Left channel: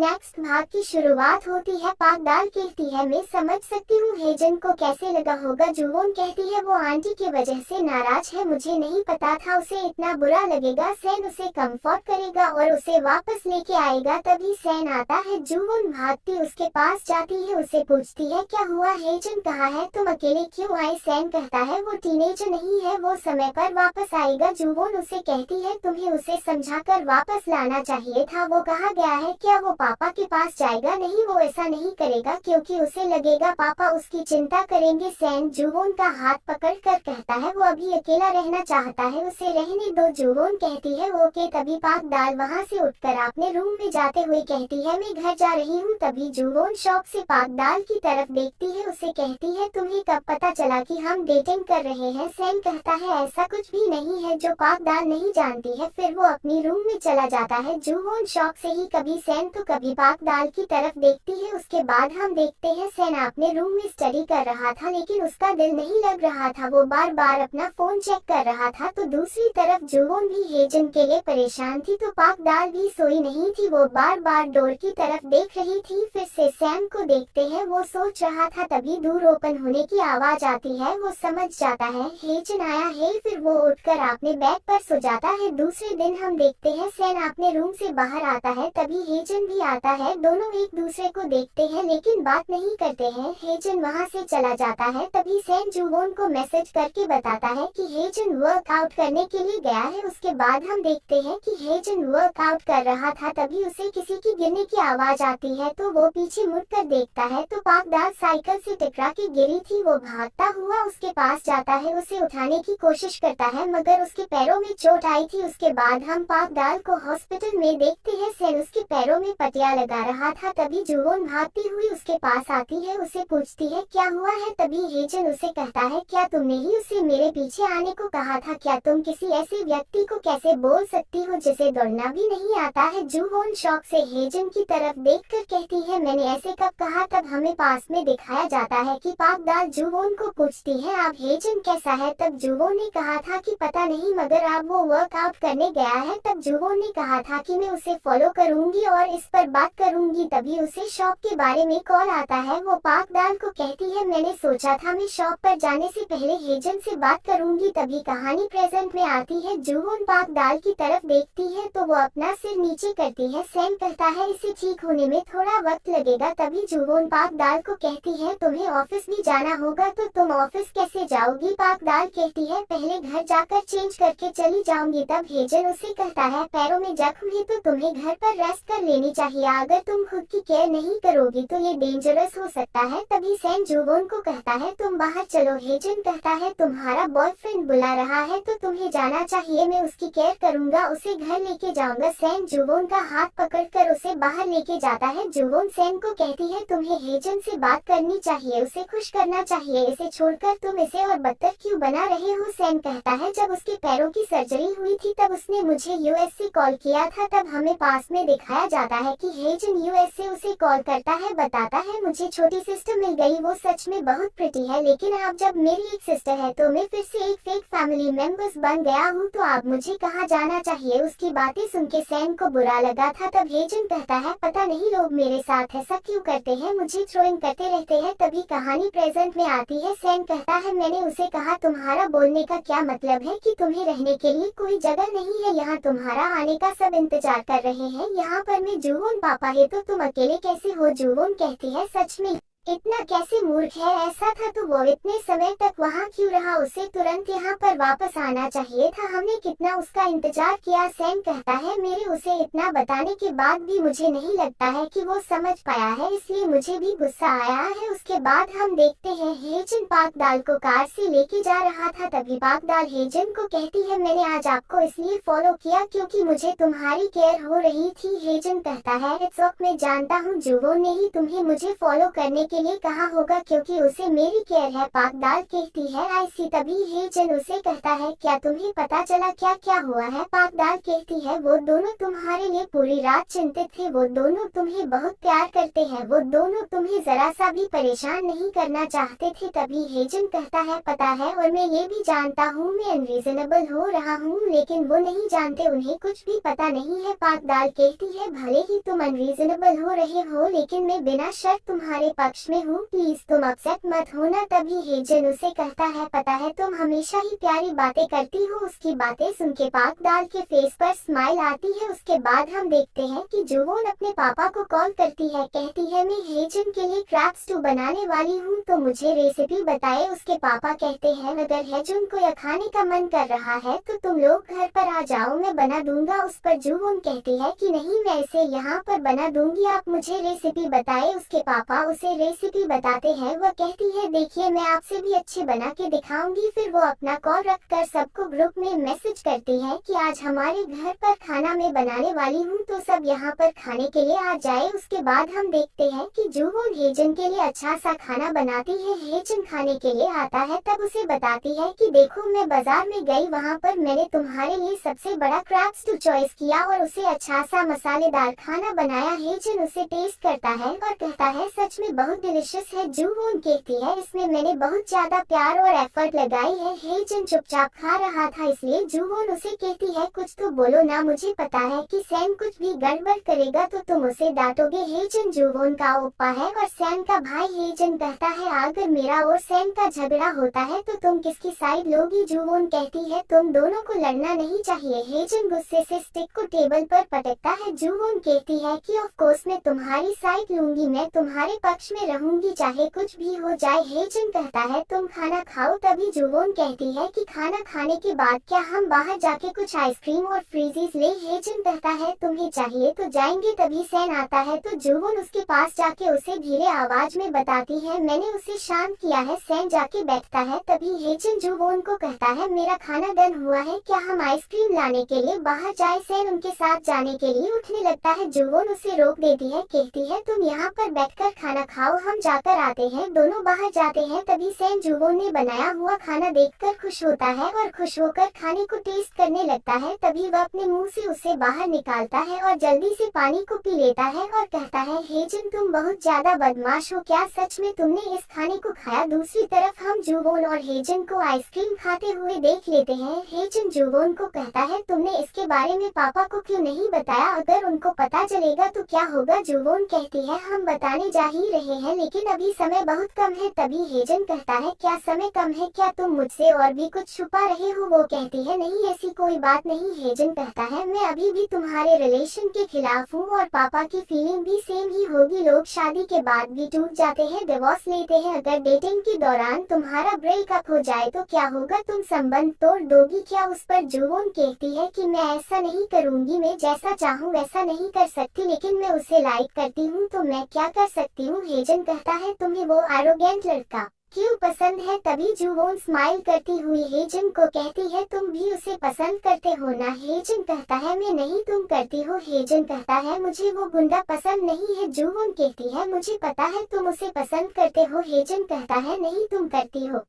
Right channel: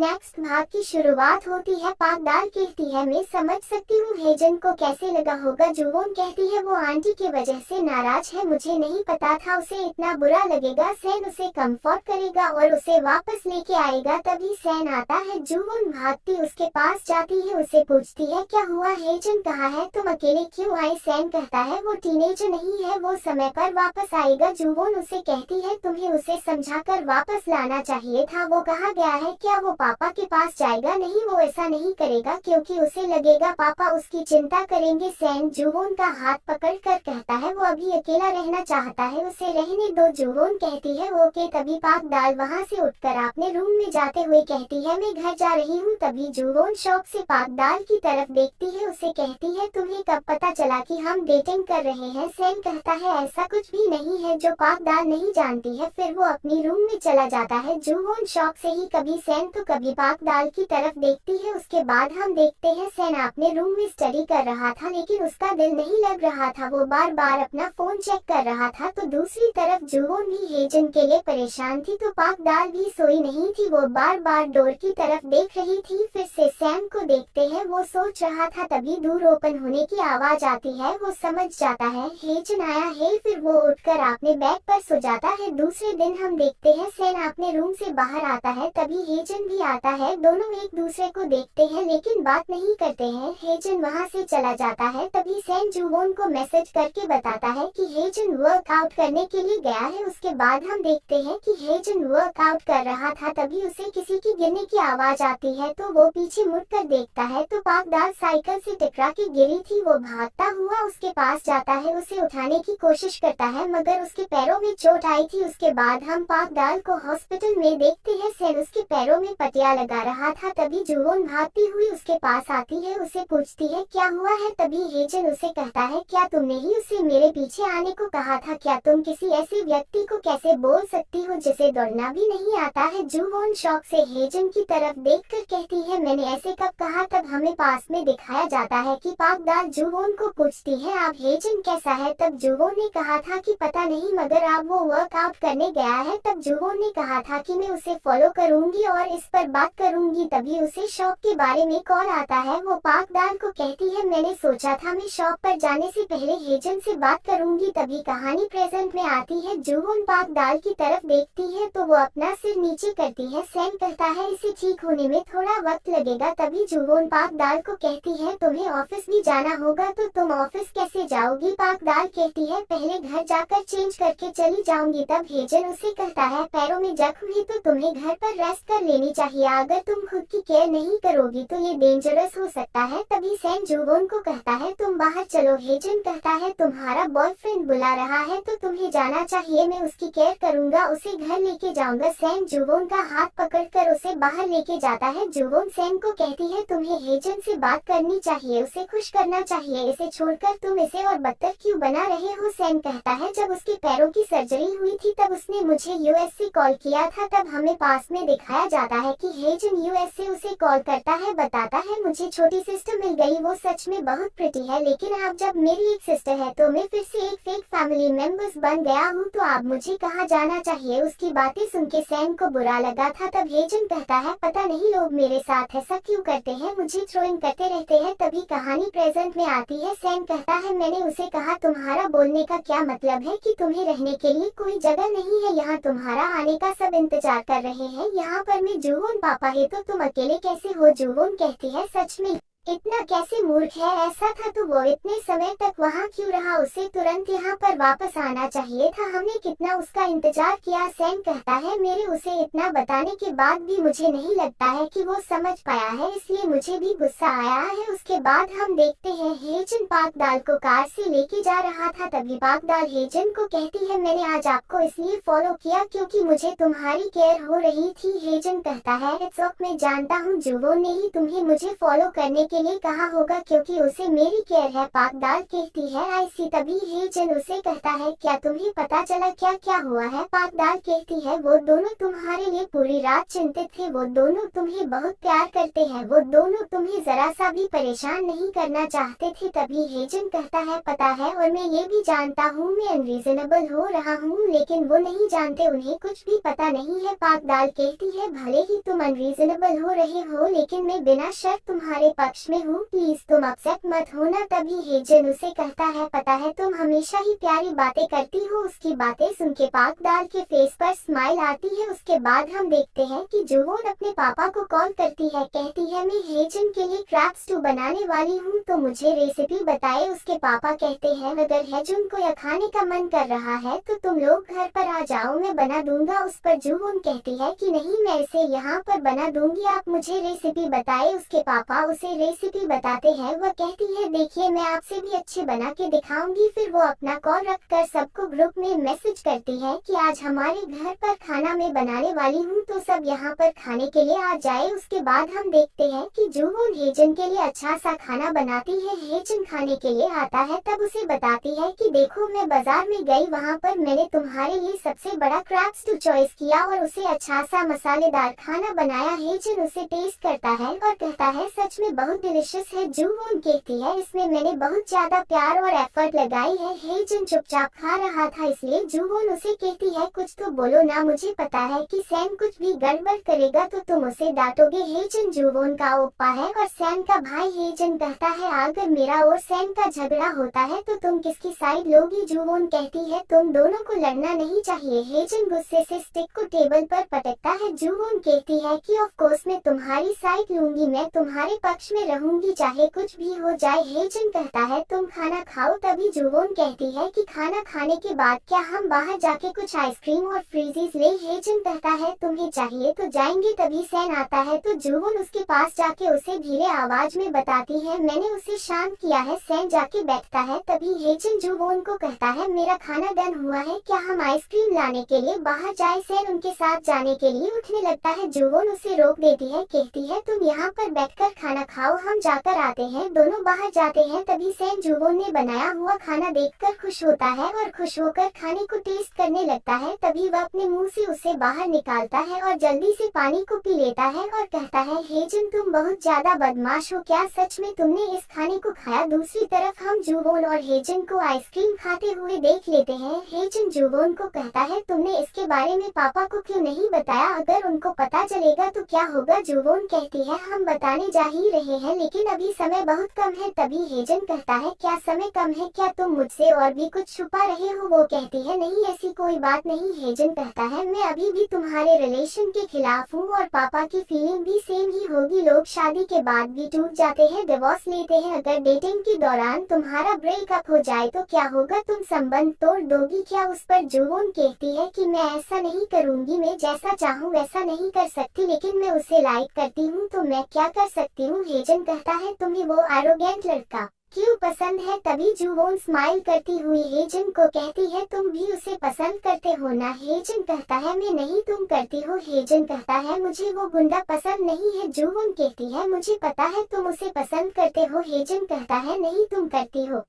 Next भाग की शुरुआत होती है। पागदाल कहती है मैं समझ सकती हूँ हेजन को कैसे लगा होगा। जुवोन कहती है वो आंटी की वजह से नाराज है, मुझे नहीं पता था उसे इतना बुरा लगेगा। सैन उसे कंफर्ट करेगा और उसे वापस लेके आएगा। तभी सैन आता है। जुवोन भागती उसके पास जाती है, उसे पूछती है क्या हुआ, हेजन कहाँ है, तुम अकेले क्यों आए। सैन कहता है वो टीनेजर नहीं है, वो समय पर वापस आएगा। जुवोन उसे कहती है तुम्हें उसे समझाकर वापस लाना चाहिए था, वो कहाँ गया है, क्या वो पापा के पास जाएगा। नहीं, वो ऐसा नहीं करेगा क्योंकि उसे लगेगा पापा उसकी चिंता करेंगे। सैन जुवोन का हाथ पकड़कर कहता है वो अभी अकेला रहना चाहता है, उसे रहने दो। जुवोन कहती है ओके। तभी पागदाल वहाँ से उठकर अपने रूम में जाते हुए कहती है मैं घर जा रही हूँ। तभी जुवोन शौक से पागदाल की तरफ देखती है, उसे कहती है तुम्हें कब पता चला कि हम डेटिंग कर रहे हैं। सैन कहता है ऐसा कुछ भी नहीं है जो पागदाल नहीं जानती है। फिर वो अपनी रूम में चला जाता है। जुवोन शौक से ही कभी सैन तो कभी पागदाल की तरफ देखती है। उसके बाद हम देखते हैं सैन अपने रूम में स्टडी कर रहा था, लेकिन उसका दिल नहीं लग रहा था, वो बार बार अपना फोन चेक कर रहा था। तो दूसरी तरफ जुवोन भी हेजन के लिए परेशान थी, तो पागदाल भी सोई नहीं थी, वो बार बार डोर की तरफ देख रही थी। फिर से सैन को देखते हैं, वो सोच रहा था। तभी दूर ओपन होने की आवाज आती है, वो समझ जाता है हेजन आया है। फिर वो उठकर अपने बेड पर सो जाता है। दूसरे दिन हम देखते हैं सैन अपने रूम से बाहर आता है, तभी हेजन भी आता है। दोनों एक दूसरे को देखते हैं लेकिन बात नहीं करते हैं। हेजन वहां से चला जाता है। तभी सैन जुवोन को मैसेज करके बताता है कि हेजन वर्कआउट करने के लिए गया है। उसके बाद हम देखते हैं कि हेजन वर्कआउट कर रहा था, तभी उसे किसी की गिरने की आवाज आती है, तो वो पीछे मुड़कर देखता है तो पागदाल साइकिल से टकरा के गिरी थी। वो भागता हुआ उसके पास जाता है, उसे उठाने की कोशिश करता है मगर उसके पैरों में चोट आई थी। उसके बाद हम पागदाल को हॉस्पिटल में देखते हैं। सैन उसके पैरों में पटिया लगा रहा था। तभी जुवोन भागती हुई उसके पास आती है, उसे पूछती है क्या हुआ है। तभी हेजन उसे कहता है क्या तुमने ही उसे मेरे पीछे आने को कहा था, क्या तुम किसी ऐसे व्यक्ति को कैसे बोल सकती हो जिसे दौड़ना भी नहीं आता है। जुवोन शौक से हेजन की तरफ देखकर कहती है मैंने ऐसे कब कहा। तब हमें पास में दिखाया जाता है कि पागदाल जुवोन को पूछती है आप हेजन कैसा है। तब जुवोन ने कहा था कि पता नहीं मगर अब वो वर्कआउट करने गया है। तब जुवोन ने कहा था कि मैं उसे फॉलो करूंगी और इस पर बात करूंगी। तभी उसे शॉप के बारे में कॉल आता है। वो पागदाल को कहती है मैंने सोचा था मैं शॉप पर जाने से पहले हेजन से बात करूंगी। तभी कहानी प्रेजेंट में आती है। जुवोन पागदाल की तरफ देखती है तो वो अपना सिर नीचे करती है। सैन कहता है इसे ठीक होने में थोड़ा वक्त लगेगा। तभी जुवोन पागदाल को कहती है तुम्हें ऑफिस भी जाना होगा, तो तुम ऑफिस कैसे जाओगी। पागदाल कहती है पहले घर जाकर चेंज करके चली जाऊंगी। तब हेजन उसे कहता है पैरों में जख्म है तो तुम्हें घर पर रेस्ट कर लेनी चाहिए, अगर तुम खुद की केयर नहीं करोगी तो ये डेंजरस हो सकता है। तभी सैन जुवोन को कहता है तुम बाहर चलो। हेजन कहता है तुम्हारा बॉयफ्रेंड बुला रहा है तो तुम्हें जाना चाहिए, मैं उसकी केयर करूंगा, उसे घर लेके जाऊंगा। सैन जुवोन का हाथ पकड़कर उसे बाहर लेके जाता है। जुवोन सैन को कहती है तुम्हें हेजन से बात करनी चाहिए, उसे खुश करना चाहिए, इसे छोड़कर तुम इसे और बदतर क्यों बना रहे हो। सैन कहता है जब उसके पैरों की सर्जरी हुई थी तब उसने मुझे यूएस से कॉल किया था। तब हमें पास में दिखाया जाता है कि हेजन यूएस से उसे कॉल करता है, बताता है मुझे छोटी सिस्टर मिल गई, वो सच में बहुत प्रिटी है, लेकिन अब जब मेरी एक सिस्टर है तो मैं फिर से एक फेक फैमिली मेंबर्स बन गया हूँ, तो अब मुझे कहाँ जाना चाहिए। उसकी बातें सुन के सैन को बुरा लगा था। तब हेजन कहता है पता नहीं लोग मेरे साथ ऐसा क्यों करते हैं, मुझे थ्रोइंग करते रहते हैं। तभी कहानी प्रेजेंट में आती है। सैन कहता है मैंने उसे कहा तुम्हारा बोलने का क्या मतलब है कि तुम्हें रहने के लिए कोई जगह नहीं है, यहाँ तुम्हारा आने का सब इंतजार कर रहे हैं, यहाँ पर मैं जुवोन पापा है तो तुम अकेले कैसे हो। जुवोन कहती है सच में इतना कैसे मूर्ख है, ऐसा था तो वो इतने समय तक वहाँ क्यों रहा, उसे तुरंत यहाँ पर वापस आना चाहिए था, हमने कितना उसका इंतजार किया। सैन कहता है मेरे उसे इतना बताने के बाद भी मुझे नहीं लगता है कि वो समझ पाया है, इसलिए मुझे भी गुस्सा आया है। उसके बाद हम देखते हैं हेजन पागदाल को कार से लेके जा रहा था। तभी पागदाल हेजन को कहती है मैंने आज आपको इसलिए फॉलो किया क्योंकि मुझे तुम्हारी केयर हो रही थी। हेजन कहता है इट्स ओके, मैं जानता हूँ जुवोन ने ही तुम्हें मुझे फॉलो करने के के लिए कहा होगा क्योंकि उसे मेरी केयर है, पाकदाल कहती है। आईसी तभी हेजन उसे कहता है क्या तुम्हें पता चला क्या क्या हुआ है? पाकदाल कहती है वो दोनों तुम्हारे लिए पूरी रात चिंतित थे, वो दोनों तुम्हें बहुत प्यार करते हैं, वो दोनों तुम्हें जरा सा भी परेशान नहीं करना चाहते थे। तभी हेजन कहता है पता है और मैं ये भी जानता हूँ मैं अनरीजनेबल हो रहा हूँ, लेकिन वो नहीं जानते, उन्हें कुछ भी पता नहीं है। पाकदाल कहती है भले ही तुम अनरीजनेबल हो रहे हो लेकिन मैं बिना शर्त तुम्हारे पक्ष में हूँ, प्लीज तुम अपसेट मत होना। तभी हेजन उसे कहता है पता है तुम हमेशा ही प्यारी बातें करती हो। उसकी बातें सुन के पाकदाल के फेस पर स्माइल आती है। उसके बाद हम देखते हैं कि जुवोन अपने पापा को कॉल करती है, कहती है मैं हेजन के लिए क्रैब स्टू बनाने वाली हूँ तो मुझे रेसिपी बताए। उसके पापा कहते हैं अगर हेजन को यह खाने का मन कर रहा है तो तुम लोग घर पर आ जाओ, मैं बना दूंगा। उस पर जुवोन कहती है कि नहीं मैं इसे यहाँ पर बना दूंगी, आप मुझे रेसिपी बताए। उसके पापा उसे रेसिपी बताते हैं। वह कहती है देखिए मैं आपसे भी अच्छे बना के दिखाऊंगी। फिर वो अपना कॉल रखकर सबको ग्रुप में मैसेज करती है कि आज हमारे घर पर खाना मैं बनाने वाली हूँ तो सब यहाँ पर खाने के लिए आ जाए। उसके बाद हम देखते हैं कि जुवोन हेजन के लिए अच्छा सा खाना बनाती है। हेजन खाने के लिए आता है तब उसे बताती है कि देखो मैं बाजार में गई, वहाँ पर मैंने तुम्हारे लिए सबसे बड़ा क्रैब स्टू चॉइस किया और उसे अच्छा सा मसालेदार खाना बनाया। हेजन उसे टेस्ट करता है और कहता है सच में बहुत डिलिशियस है। जुवोन कहती है इसमें मैंने बहुत ज्यादा प्यार और एफर्ट लगाई है। हेजन चुपचाप खा रहा था इसलिए जुवोन उसे कहती है कुछ तो बोलो ना, मुझे पता है कि सैम कुछ भी गड़बड़ करेगा तो तुम उसे डांटोगे। हेजन जुवोन का ओप्पा है और सैम का भाई। हेजन कहता है अगर मेरा और सैम का झगड़ा होता है तो तुम किसकी साइड लोगी? जुवोन कहती है तुम दोनों को लड़ना नहीं चाहिए। हेजन गुस्से से स्टिक को टेबल पर पटकता है। जुवोन कहती है कि ऑफ कोर्स मैं तुम्हारी साइड लूंगी, मैं तुम्हारे पक्ष में रहूंगी चाहे कुछ भी हो जाए। हेजन कहता है तुम खाना खाओ। तभी जुवोन कहती है कि खाना खाने के बाद क्या हम बाहर जाके कुछ आइसक्रीम और फ्रीजीज ले? हेजन कहता है तुम्हें चाहिए तो जाएंगे। तभी सैन आता है तो जुवोन उसके पास जाके उसे धीरे आवाज में बताती है मैंने उसे शांत किया है। सैन जाके बैठता है। तभी हेजन जुवोन को कहता है मेरा खाना डन हुआ है, क्या हम आइसक्रीम लाने के लिए बाहर जाए? सैन उनके साथ जाने के लिए उठने लगता है। जुवोन उसे रोक देती है, कहती है तुम यहाँ पर बैठकर खाना खाओ, हम जाकर आते हैं। दोनों बाहर जाते हैं। तभी सैन जुवोन ने बनाया हुआ खाना देखकर खुश होता है और खुश होकर खाने को टेस्ट करने लगता है। तभी वह अपने मुंह से उसे बाहर निकालता है और जल्दी से पानी को पी लेता है और कहता है हेजन तुम बहुत ज्यादा बदमाश हो, क्या सच में तुमने इस खाने को खाया? दूसरी तरफ हम जुवोन और हेजन को आइसक्रीम खाते हुए देख लेते हैं। हेजन जुवोन को कहता है तुमने इसके बारे में पापा को क्यों नहीं बताया? अगर उनको पता चलेगा तो क्या होगा? जुवोन कहती है हम बताने जा ही रहे हैं लेकिन अभी समय बहुत कम है। तभी हेजन कहता है क्या समय कम है, क्या तुम मुझसे और भी कुछ छुपा रहे हो? वो कहती है नहीं ऐसी कोई बात नहीं। हेजन कहता है मैं अभी भी तुम्हारे रिलेशन के खिलाफ हूँ और पापा की फीलिंग भी सेम ही होगी। लोग शादी के बाद भी टूट जाते हैं, डिवोर्स लेते हैं। अगर डेटिंग के दौरान तुम्हारा ब्रेकअप हो जाए तो क्या होगा? तुम संबंध तोड़ दोगी क्या? उस पर जुवोन कहती है कि मैं ऐसा नहीं करूंगी, मैं जैसा चाहूँ वैसा नहीं कर सकती, लेकिन मैं उसे लाइक करती हूँ तो मैं क्या कर सकती हूँ? हेजन कहता है तुम्हें वो एरोगेंट लड़का क्यों पसंद है? तभी जुवोन स्माइल करती हुई हेजन को कहती है तुम भी उसे पसंद करते हो ना? हेजन कहता है मैं नहीं, तुम करती हो। हेजन कहता है मुझे वो गुंडा पसंद नहीं है। जुवोन कहती है मुझे पता है तुम उसे पसंद करते हो। हेजन कहता है नहीं तुम करती हो।